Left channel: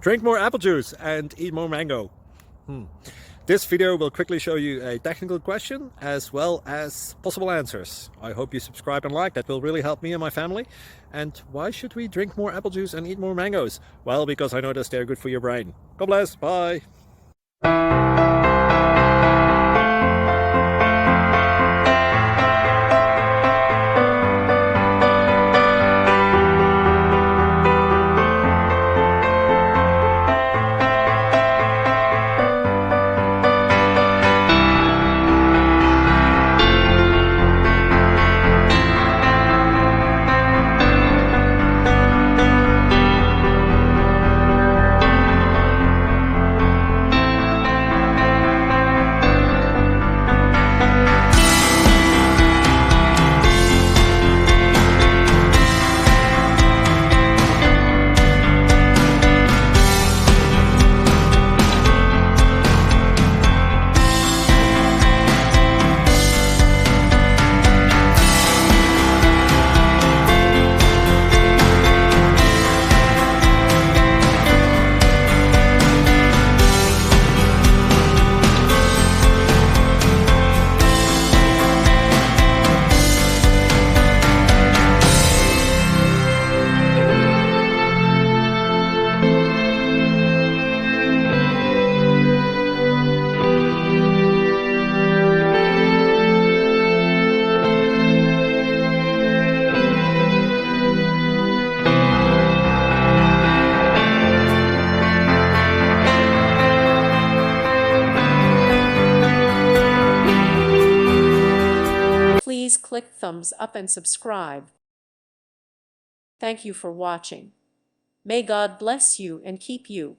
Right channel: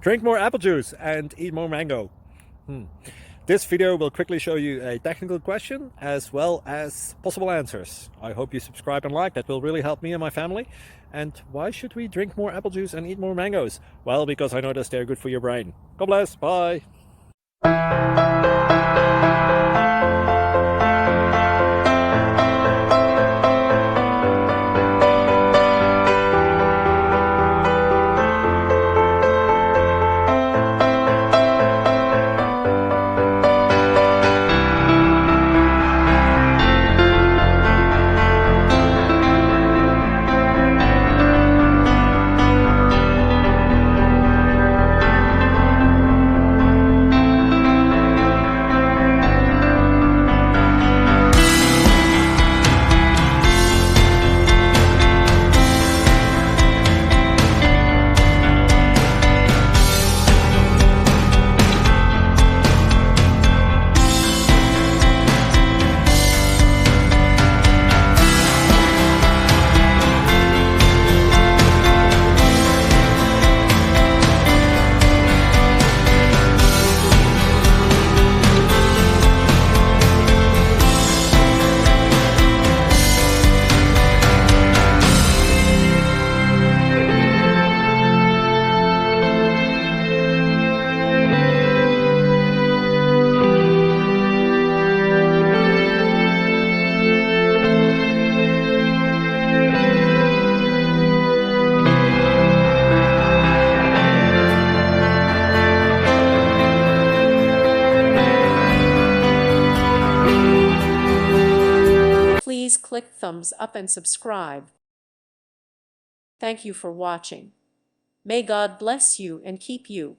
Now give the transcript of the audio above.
Drink more apple juice and eat more mango. This video will quickly show you a technical question as well as possible answers. I hope you subscribe and like, that will really help me and my family. And why should we drink more apple juice and eat more mangoes? Well, because I noticed they're good for your brain. God bless, bye. Please click thumbs up and subscribe. Thank you for watching. May God bless you and keep you.